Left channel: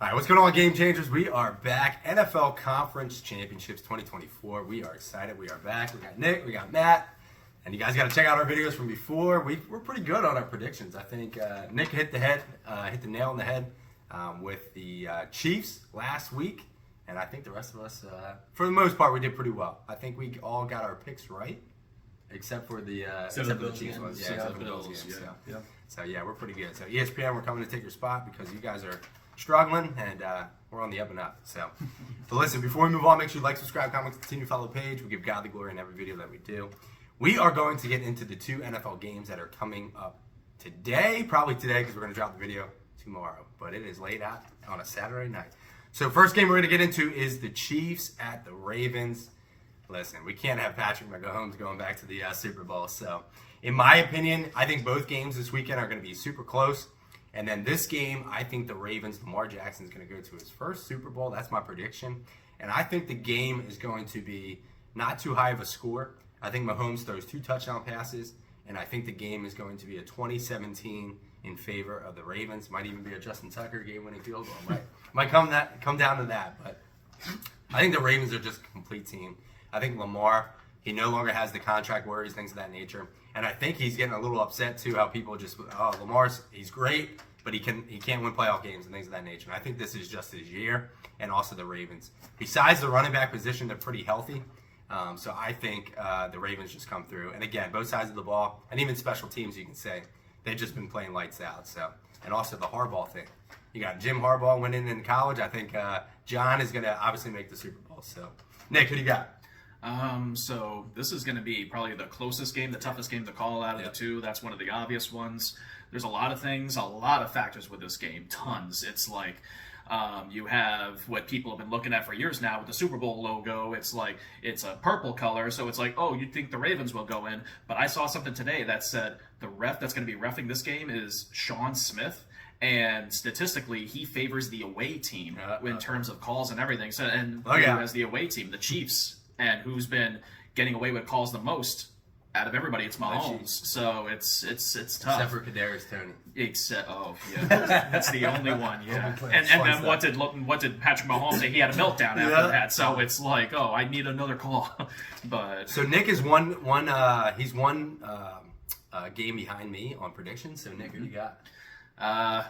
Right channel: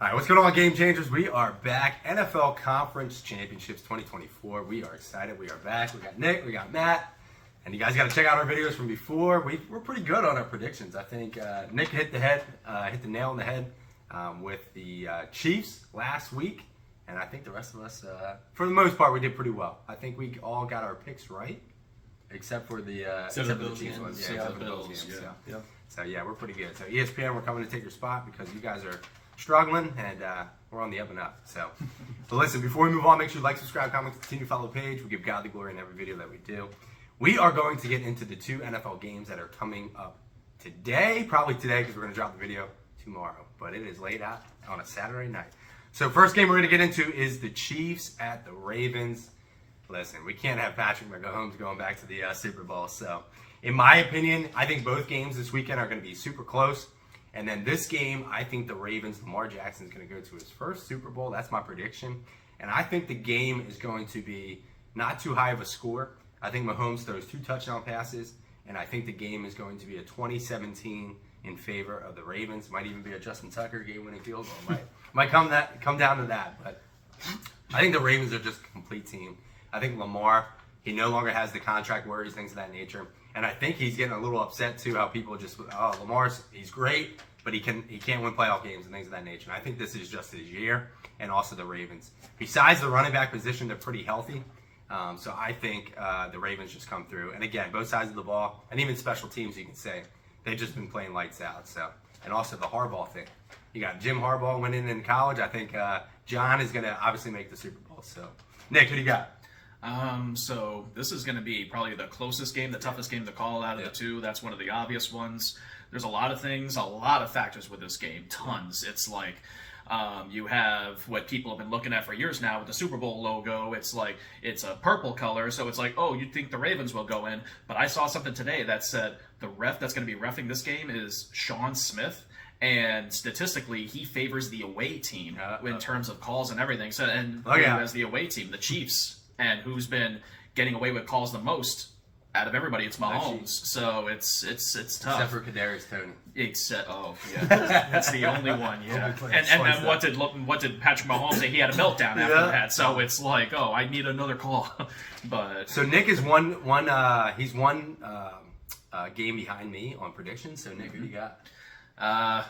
All right, what's going on, Game Changers? We are back. NFL Conference Championships 2024. We are excited. We are back. We got Nick, we got Matt, and you guys got to check out our videos from before. We're pretty good on our predictions. I think Nick hit the nail on the head with the Chiefs last week, and I think the rest of us, for the most part, we did pretty well. I think we all got our picks right, except for the Chiefs ones. Yeah, except for the Bills games. So yeah, we're pretty good. So ESPN, we're coming to take your spot because you guys are struggling, and we're on the up and up. So, but listen, before we move on, make sure you like, subscribe, comment, continue to follow the page. We give God the glory in every video that we do. We are going to get into the 2 NFL games that are coming up today, probably today, because we're going to drop the video tomorrow. But it is laid out on a Saturday night. So first game we're going to get into is the Chiefs at the Ravens. Listen, we can't have Patrick Mahomes going back to the Super Bowl. So, in my opinion, I think both games this weekend are going to be super close. And then this game, I think the Ravens, Lamar Jackson is going to go to his first Super Bowl. That's my prediction. And I think the game is going to be not too high of a score. I think Mahomes throws 2 touchdown passes. And I think the game is going to be a 2017 in favor of the Ravens. Might even be a Justin Tucker game-winning field goal. Might come down to that. But I think the Ravens are just a complete team. I think Lamar, he no longer has the contract worries, things of that nature. And I think he's getting a little upset too, how people just, he's great, but he can't win playoff games and things of that nature. And I think this is just his year, and also the Ravens. Besides the running back position, they're pretty healthy. So I think the Ravens just come through. And again, both sides of the ball, and even special teams, you can say, they've just been playing lights out. So, and also the Harbaugh thing. You got Jim Harbaugh winning in college. I think John is going to obviously make the Super Bowl. So, Nick, who do you got? So this is going to be probably the closest game, the toughest game to call out of the two. That's one of the obvious ones. There's a lot of things, a lot of factors with this game, tons. It's like you have what people have been looking at for years now with the Super Bowl logo. It's like it's a purple color, so it's like, oh, you'd think the Ravens will go in. But I saw something today that said the ref that's going to be reffing this game is Sean Smith. And statistically, he favors the away team in terms of calls and everything. So, and as the away team, the Chiefs. And who's been getting away with calls the most out of everybody? It's Mahomes. So it's tough. Except for Kadarius Toney. That's the only one. Yeah. And then what did Patrick Mahomes say? He had a meltdown after that. So it's like, oh, I need another call. But so Nick is one game behind me on predictions. So Nick, who you got?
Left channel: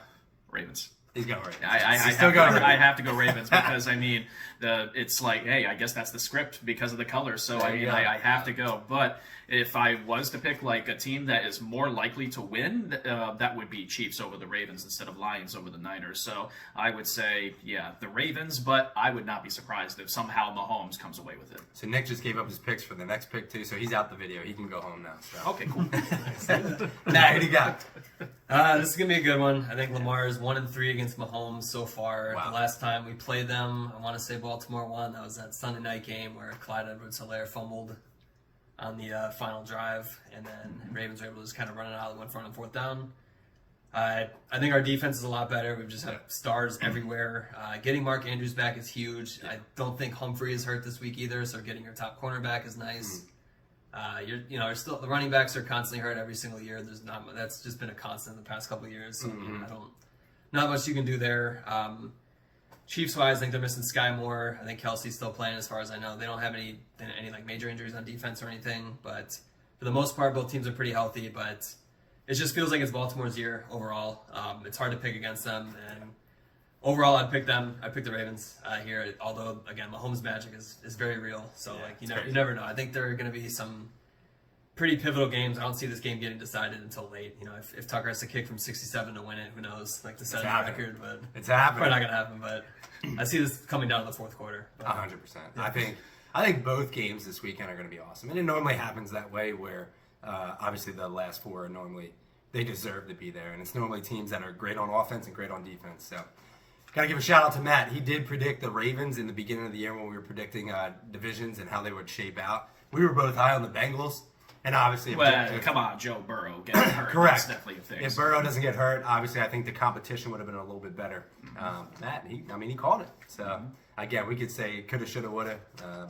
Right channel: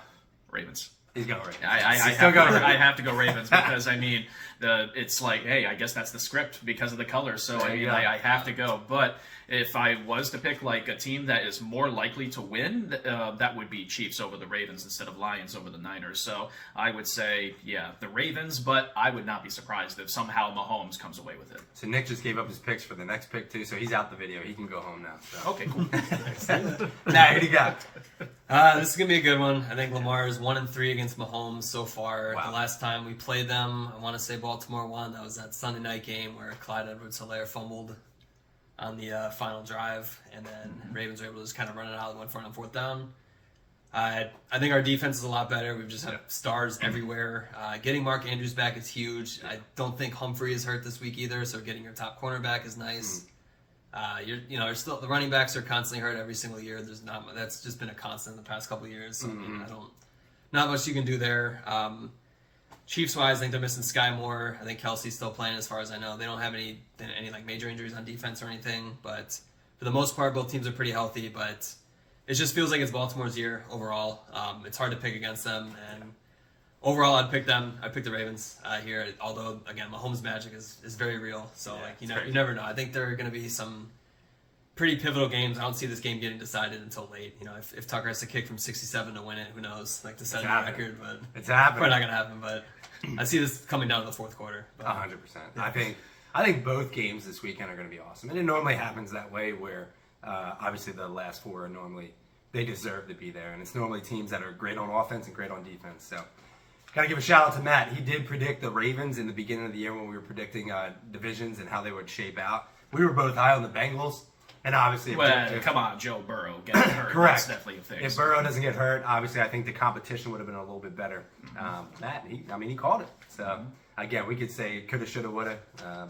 Ravens. He's going Ravens. I have to go Ravens because I mean it's like, hey, I guess that's the script because of the colors. So I mean I have to go. But if I was to pick like a team that is more likely to win, that would be Chiefs over the Ravens instead of Lions over the Niners. So I would say, yeah, the Ravens, but I would not be surprised if somehow Mahomes comes away with it. So Nick just gave up his picks for the next pick too, so he's out the video. He can go home now. So. Okay, cool. Now, who do you got? This is going to be a good one. I think Lamar is 1-3 against Mahomes so far. Wow. The last time we played them, I want to say Baltimore won. That was that Sunday night game where Clyde Edwards-Helaire fumbled on the final drive, and then Ravens were able to just kind of run it out and went for it on 4th down. I think our defense is a lot better. We've just had stars everywhere. Getting Mark Andrews back is huge. I don't think Humphrey is hurt this week either, so getting your top cornerback is nice. You're still the running backs are constantly hurt every single year. That's just been a constant in the past couple of years. So I mean, not much you can do there. Chiefs-wise, I think they're missing Sky Moore. I think Kelsey's still playing, as far as I know. They don't have any like major injuries on defense or anything, but for the most part, both teams are pretty healthy. But it just feels like it's Baltimore's year overall. It's hard to pick against them, and overall, I'd pick them. I'd pick the Ravens here. Although again, Mahomes' magic is very real. So you never know. I think there are going to be some pretty pivotal games. I don't see this game getting decided until late. If Tucker has to kick from 67 to win it, who knows? Like to set a record, but it's happening. Probably not going to happen. But I see this coming down to the 4th quarter. 100%. I think both games this weekend are going to be awesome, and it normally happens that way where obviously the last 4 are normally they deserve to be there, and it's normally teams that are great on offense and great on defense. So. Got to give a shout out to Matt. He did predict the Ravens in the beginning of the year when we were predicting divisions and how they would shape out. We were both high on the Bengals. And obviously, come on, Joe Burrow getting hurt. Correct. That's definitely a fix. If Burrow doesn't get hurt, obviously, I think the competition would have been a little bit better. Matt, he called it. So again, we could say coulda, shoulda, woulda,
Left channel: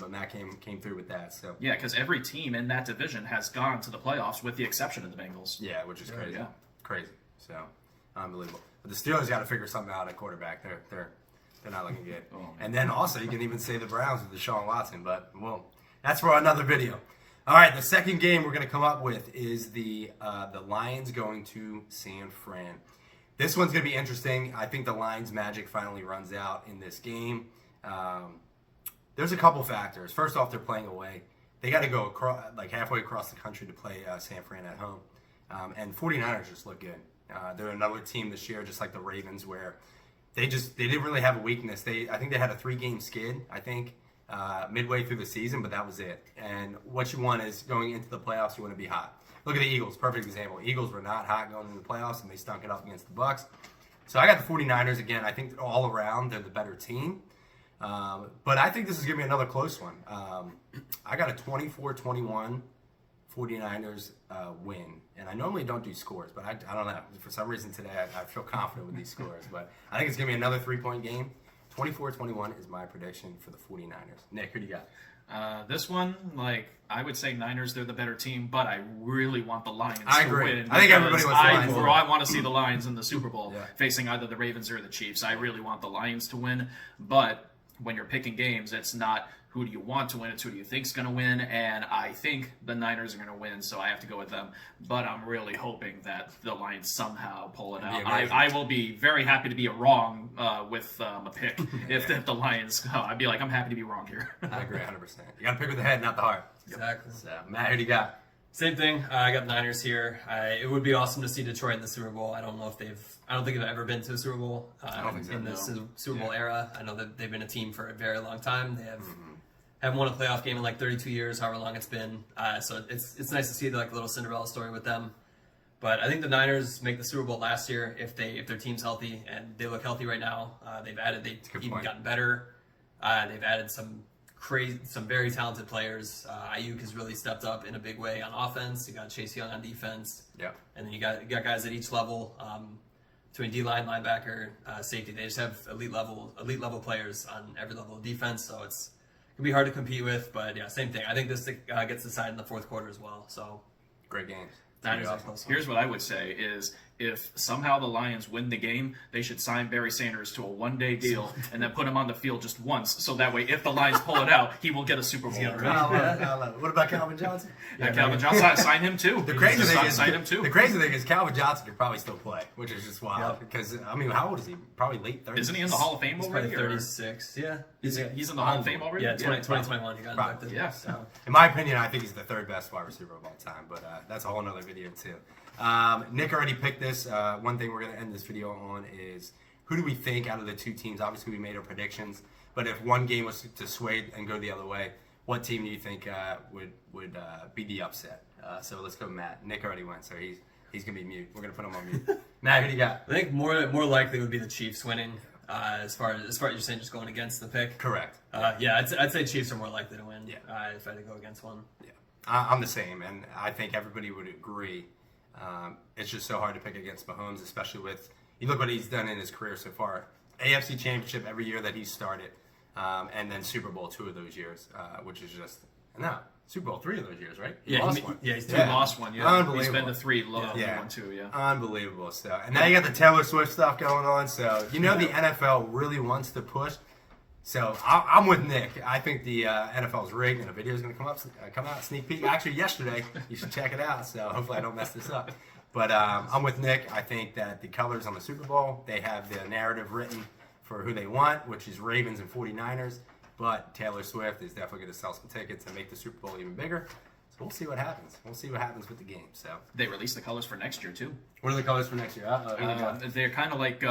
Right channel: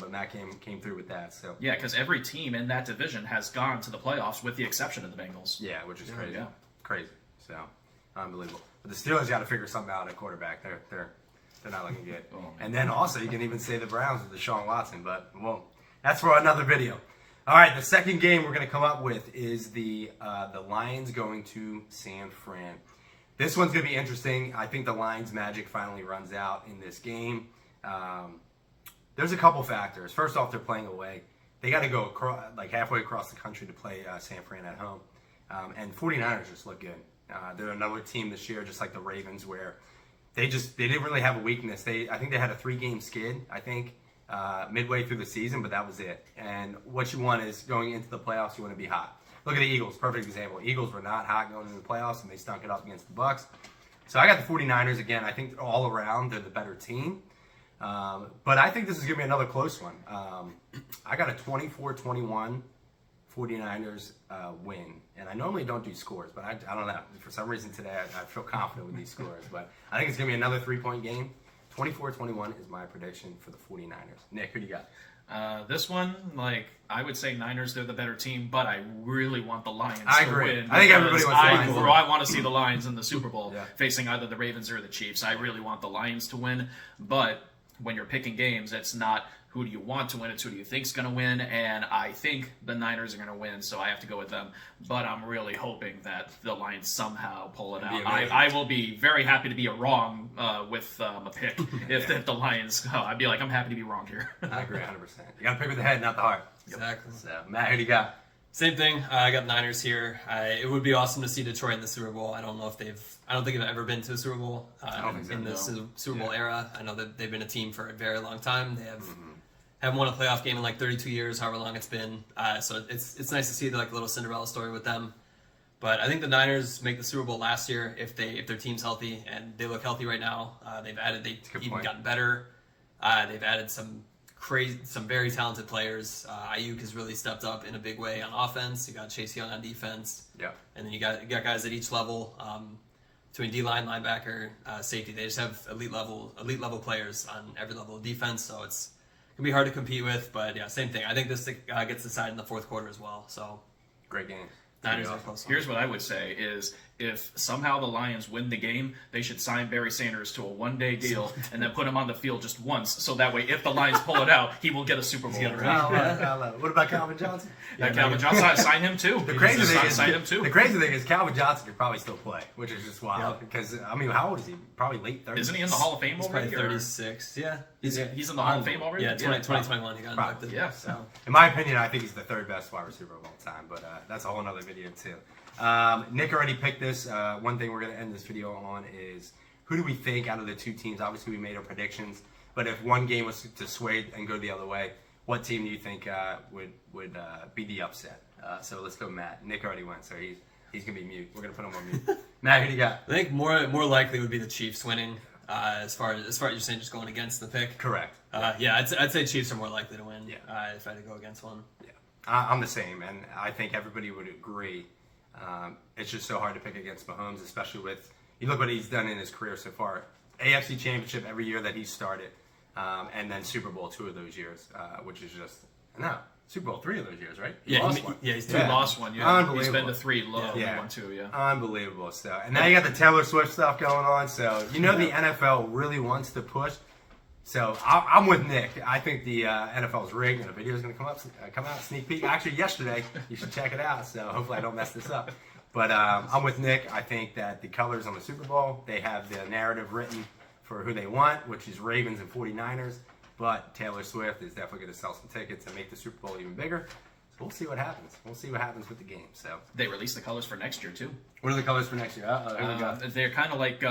but Matt came through with that. So yeah, because every team in that division has gone to the playoffs with the exception of the Bengals. Yeah, which is crazy. So unbelievable. But the Steelers got to figure something out at quarterback. They're not looking good. Oh, man. And then also, you can even say the Browns with Deshaun Watson, but well, that's for another video. All right, the second game we're going to come up with is the Lions going to San Fran. This one's going to be interesting. I think the Lions' magic finally runs out in this game. There's a couple factors. First off, they're playing away. They got to go halfway across the country to play San Fran at home. And 49ers just look good. They're another team this year, just like the Ravens, where they didn't really have a weakness. I think they had a 3-game skid, midway through the season, but that was it. And what you want is going into the playoffs, you want to be hot. Look at the Eagles, perfect example. Eagles were not hot going into the playoffs, and they stunk it up against the Bucs. So I got the 49ers again. I think all around they're the better team. But I think this is going to be another close one. I got a 24-21 49ers win. And I normally don't do scores, but I don't know. For some reason today, I feel confident with these scores. But I think it's going to be another 3-point game. 24-21 is my prediction for the 49ers. Nick, who do you got? This one, I would say Niners, they're the better team, but I really want the Lions I to agree. win. I think everybody wants the Lions to win. I want to see the Lions in the Super Bowl Yeah. facing either the Ravens or the Chiefs. I really want the Lions to win, but when you're picking games, it's not who do you want to win, it's who do you think's going to win, and I think the Niners are going to win, so I have to go with them. But I'm really hoping that the Lions somehow pull it out. I will be very happy to be wrong with a pick if the Lions go. I'd be like, I'm happy to be wrong here. I agree 100%. You got to pick with the head, not the heart. Exactly. So, Matt, who do you got? Same thing. I got Niners here. It would be awesome to see Detroit in the Super Bowl. I don't think they've ever been to a Super Bowl don't think so, in the no. Super Bowl era. I know that they've been a team for a very long time. They haven't won a playoff game in 32 years, however long it's been. So it's nice to see the little Cinderella story with them. But I think the Niners make the Super Bowl last year if their team's healthy, and they look healthy right now. They've even gotten better. They've added some very talented players. Ayuk has really stepped up in a big way on offense. You got Chase Young on defense. Yeah. And then you got guys at each level, between D-line, linebacker, safety. They just have elite level players on every level of defense. So it's gonna be hard to compete with. But yeah, same thing. I think this gets decided in the fourth quarter as well. So Great game. Niners are close. Here's what I would say is if somehow the Lions win the game, they should sign Barry Sanders to a one-day deal and then put him on the field just once. So that way, if the Lions pull it out, he will get a Super Bowl. I love it. What about Calvin Johnson? Calvin Johnson, sign him too. The crazy The thing is Calvin Johnson could probably still play, which is just wild. Because how old is he? Probably late 30s. Isn't he in the Hall of Fame He's already? probably 36. Yeah. He's in the Hall of Fame already? Yeah, 2021 he got Probably. inducted. Yeah. So. In my opinion, I think he's the third best wide receiver of all time, but that's a whole other video too. Nick already picked this. One thing we're going to end this video on is who do we think out of the two teams? Obviously, we made our predictions, but if one game was to sway and go the other way, what team do you think would be the upset? So let's go, Matt. Nick already went, so he's going to be mute. We're going to put him on mute. Matt, who do you got? I think more likely would be the Chiefs winning. As far as you're saying, just going against the pick. Correct. Yeah, I'd say Chiefs are more likely to win. Yeah. If I had to go against one. Yeah, I'm the same, and I think everybody would agree. It's just so hard to pick against Mahomes, especially with you look what he's done in his career so far. AFC Championship every year that he started, and then Super Bowl 2 of those years, which is just Super Bowl 3 of those years, right? He lost one. Yeah, he's He lost one, yeah. Unbelievable. He's been to 3, one, 2, yeah. Unbelievable stuff. And now you got the Taylor Swift stuff going on, so the NFL really wants to push. So I'm with Nick. I think the NFL's rigged, and a video is going to come out, sneak peek. Actually, yesterday. You should check it out. So hopefully I don't mess this up. But I'm with Nick. I think that the colors on the Super Bowl, they have the narrative written for who they want, which is Ravens and 49ers. But Taylor Swift is definitely going to sell some tickets and make the Super Bowl even bigger. So we'll see what happens. We'll see what happens with the game. So They released the colors for next year, too. what are the colors for next year? They're kind of like...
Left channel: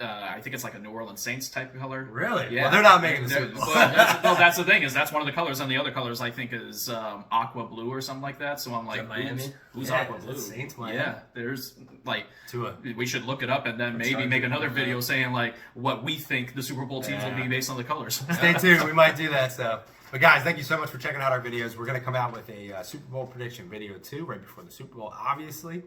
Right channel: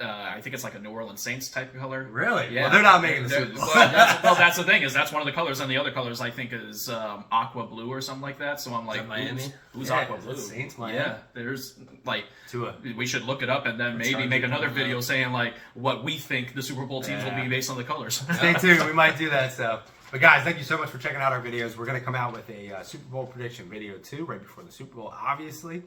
I think it's like a New Orleans Saints type of color. Really? Yeah. Well, they're not making the Super Bowl. That's the thing is that's one of the colors, and the other colors I think is aqua blue or something like that. So I'm like, Miami? who's Yeah, aqua is it blue? Saints, Miami? Yeah, there's Tua. we should look it up and then maybe make another video saying what we think the Super Bowl teams will be based on the colors. Stay tuned. We might do that. So, but guys, thank you so much for checking out our videos. We're going to come out with a Super Bowl prediction video too, right before the Super Bowl. Obviously,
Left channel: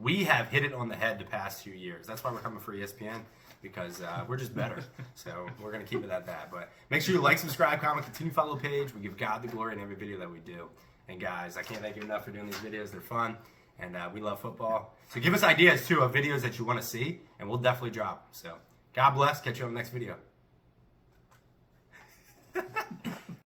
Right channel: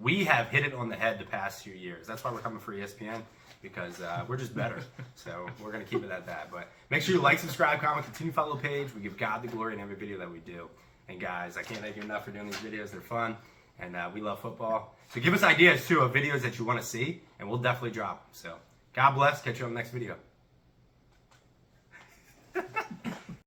we have hit it on the head the past few years. That's why we're coming for ESPN. Because we're just better. So we're going to keep it at that. But make sure you like, subscribe, comment, continue to follow the page. We give God the glory in every video that we do. And guys, I can't thank you enough for doing these videos. They're fun. And we love football. So give us ideas, too, of videos that you want to see. And we'll definitely drop them. So God bless. Catch you on the next video.